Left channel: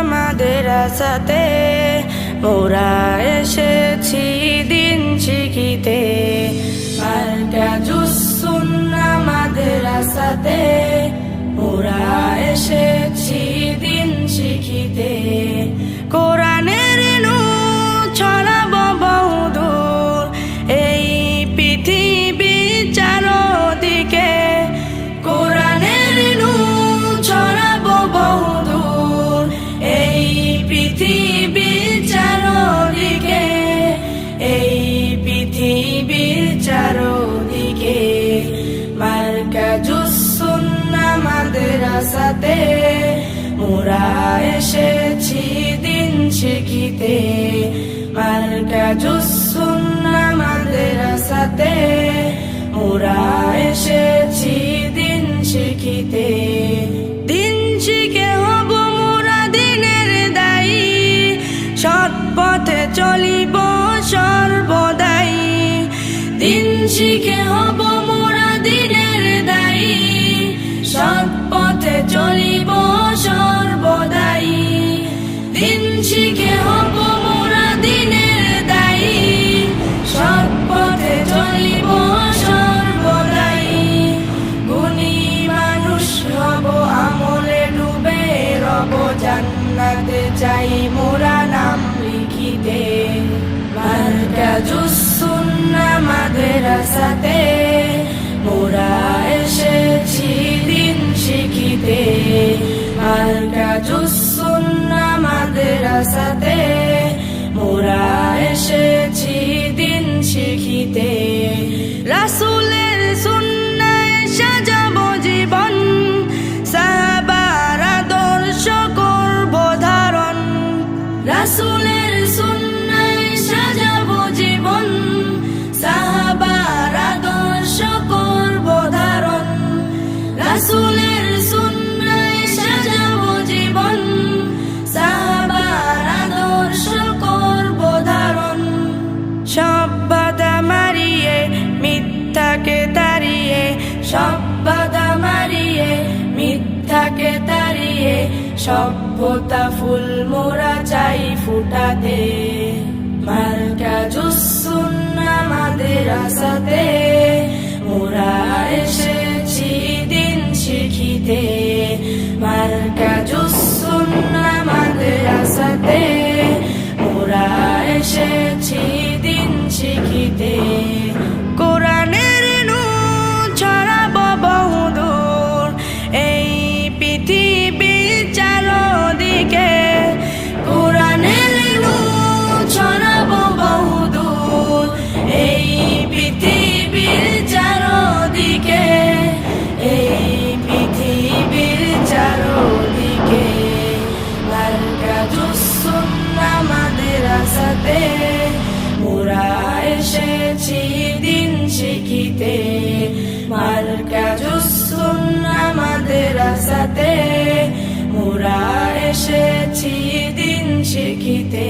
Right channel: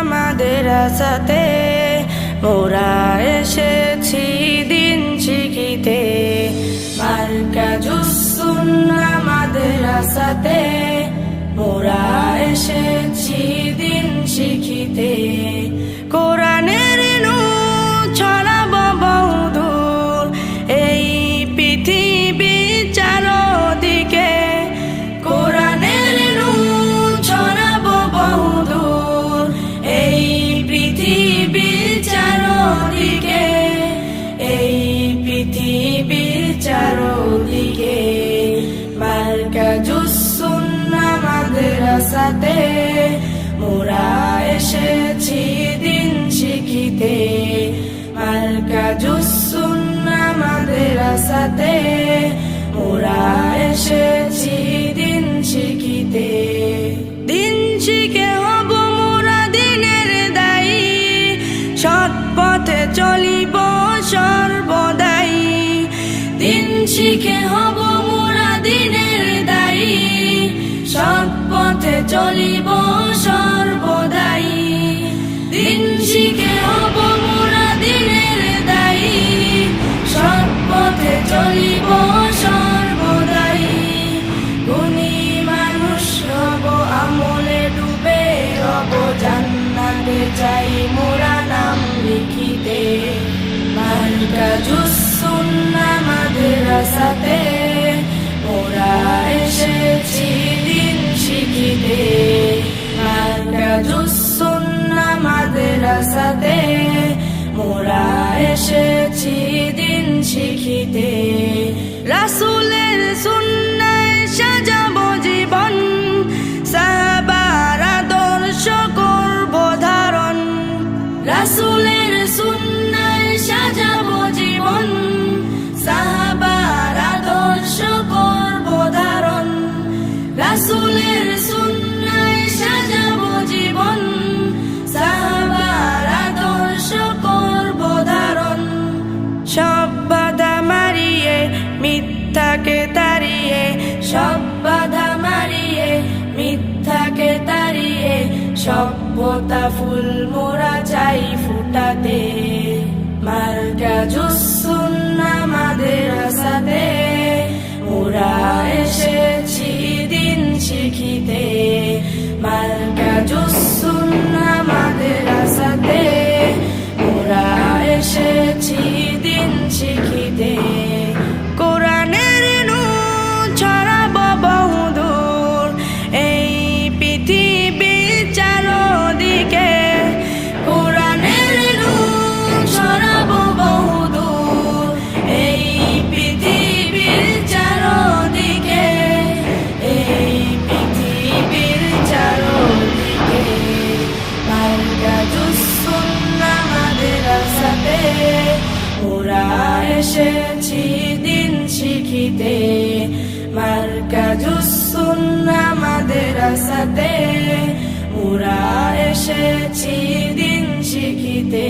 আমাদের আসাতে মোরা এসেছি দিন শিখিতে। আমাদের আসাতে মোরা এসেছি দিন শিখিতে। কোরআনের নু ছড়াব বহুদূর, এই পৃথিবী চারদিকে মার্কা জুসুন আমাদের আসাতে। মোরা এসেছি দিন শিখিতে। মার্কা জুসুন আমাদের আসাতে। মোরা এসেছি দিন শিখিতে। দিন শিখে পথে চলিব সর্বদাই। দিন শিখে হব মোরা দিনের দায়ী। সৎ পথে চলিব সর্বদাই। দিন শিখে হব মোরা দিনের দায়ী। সৎ পথে চলিব সর্বদাই। গুণী মানুষ হব আমলে, ডুবে রব জান্নাতে চাই মোরা লিখিতে, মার্কা জুসুন আমাদের আসাতে মোরা এসেছি দিন শিখিতে, মার্কা জুসুন আমাদের আসাতে মোরা এসেছি দিন শিখিতে। রাসুলের সুন্নায় সাজাব জীবন রাসুলের সুন্নায় সাজাব জীবন। সাহাবার আদর্শ করব ধারণ। সব বাধা মারিয়ে, মিথ্যাকে তাড়িয়ে, সব বাধা সভ্যতা ফুল মোরা চাই ফুটাতে শিখিতে মোরা এসেছি দিন শিখিতে। মার্কা জুসুন আমাদের সাথে মোরা এসেছি দিন শিখিতে।